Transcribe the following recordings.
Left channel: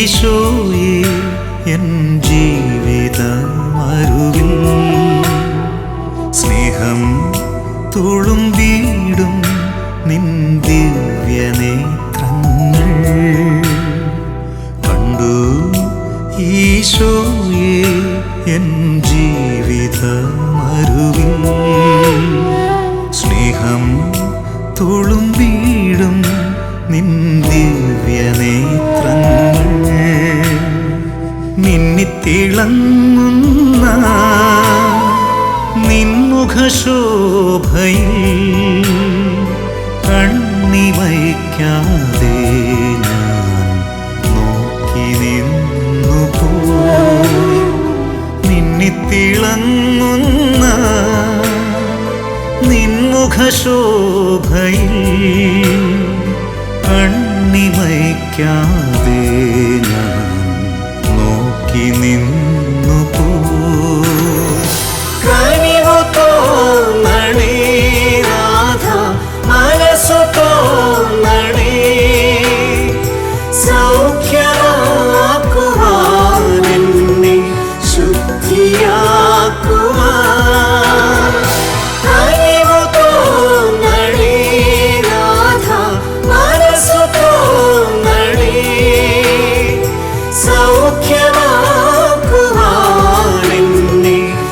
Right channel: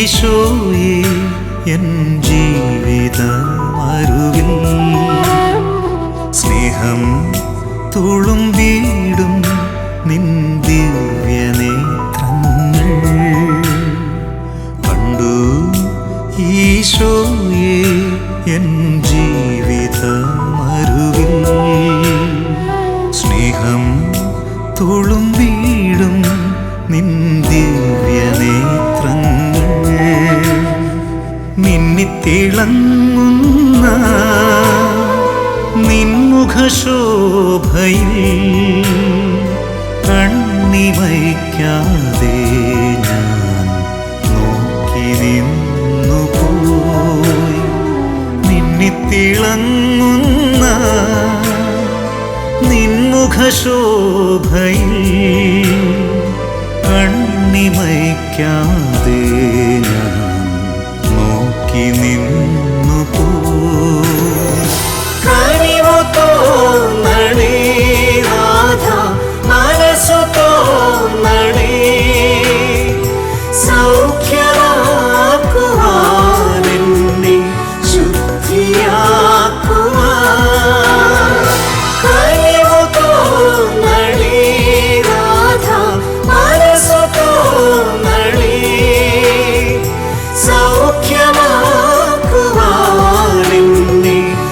ഈശോയെ എൻ ജീവിതമരുവിൽ സ്നേഹം തുളുമ്പീടും നിൻ ദിവ്യനേത്രങ്ങൾ കണ്ടു. ഈശോയെ എൻ ജീവിതമരുവിൽ സ്നേഹം തുളുമ്പീടും നിൻ ദിവ്യനേത്രങ്ങൾ മിന്നിത്തിളങ്ങുന്ന നിൻമുഖശോഭയിൽ കണ്ണിമയ്ക്കാതെ ഞാൻ നോക്കി നിന്നു പോയി മിന്നിത്തിളങ്ങുന്ന നിൻമുഖശോഭയിൽ കണ്ണിമയ്ക്കാതെ എന്നെ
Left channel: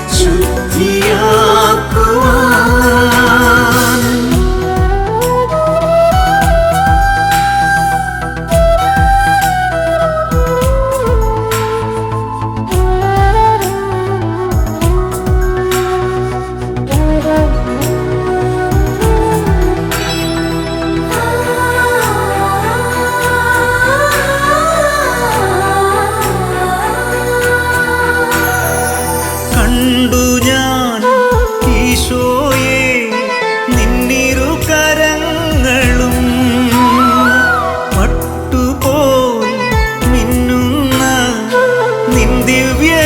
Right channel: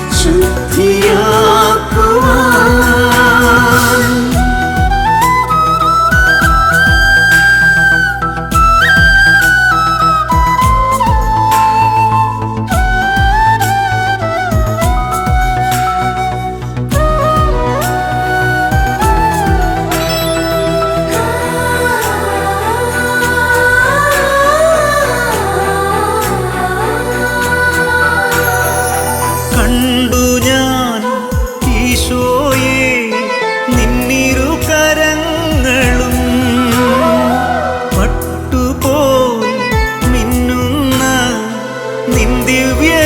കണ്ടു ഞാൻ ഈശോയെ നിന്നിരു കരങ്ങളും പട്ടുപോൽ മിന്നുന്ന നിൻ ദിവ്യരൂപവും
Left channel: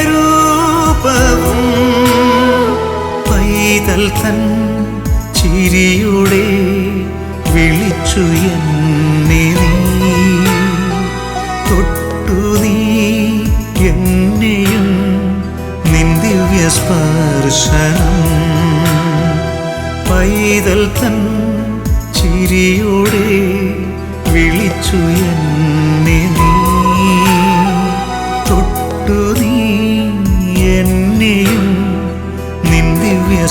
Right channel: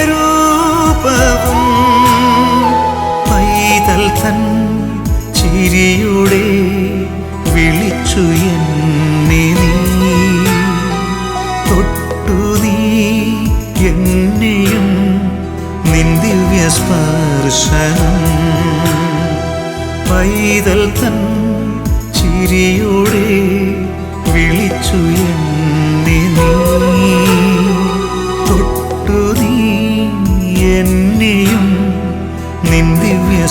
പൈതൽ തൻ ചിരിയുടെ വിളിച്ചു എന്നെ നീ തൊട്ടു നീ എന്നെയും നിൻ ദിവ്യ സ്പർശനം പൈതൽ തൻ ചിരിയോടെ വിളിച്ചു എന്നെ നീ. തൊട്ടു നീ എന്നെയും നിൻ ദിവ്യ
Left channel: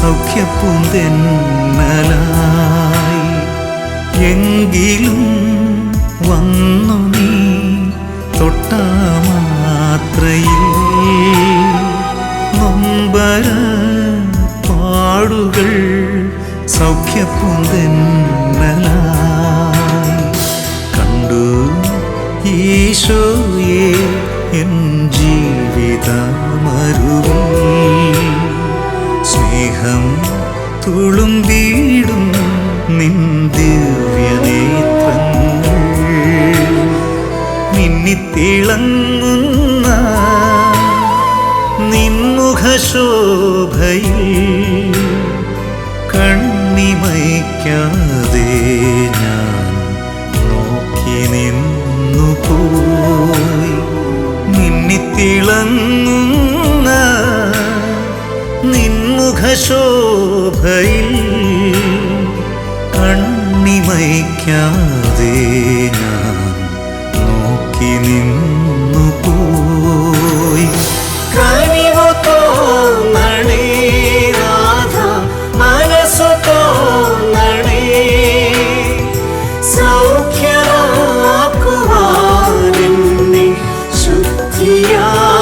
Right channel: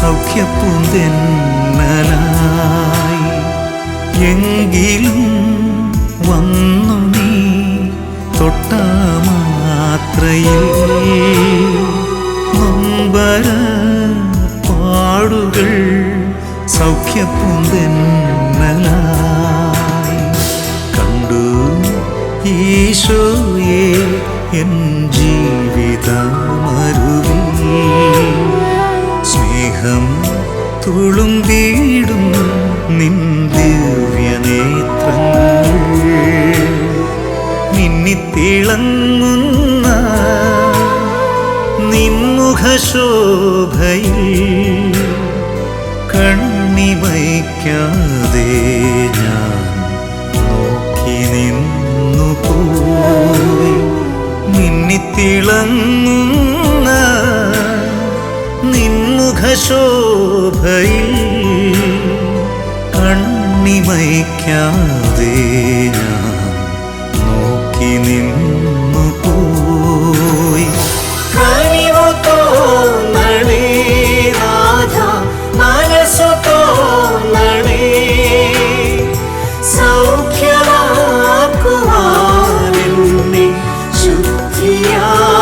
സൗഖ്യപ്പൂന്തെന്നലായി എങ്കിലും വന്നു നീ തൊട്ടാമാത്രയിൽ. നൊമ്പര പാടുകൾ സൗഖ്യപ്പൂന്തെന്നലായി കണ്ടു ഈശോയെ എൻ ജീവിതമരുവിൽ സ്നേഹം വീടും നിൻ ദിവ്യനേത്രങ്ങൾ. മിന്നിത്തിളങ്ങുന്ന നിൻമുഖശോഭയിൽ കണ്ണിമയ്ക്കാതെ ഞാൻ നോക്കി നിന്നു പോയി മിന്നിത്തിളങ്ങുന്ന നിൻമുഖശോഭയിൽ കണ്ണിമയ്ക്കാതെ ഞാൻ നോക്കി നിന്നു പോയി തോന്നണേ നാഥ ശുദ്ധിയാക്കുവാൻ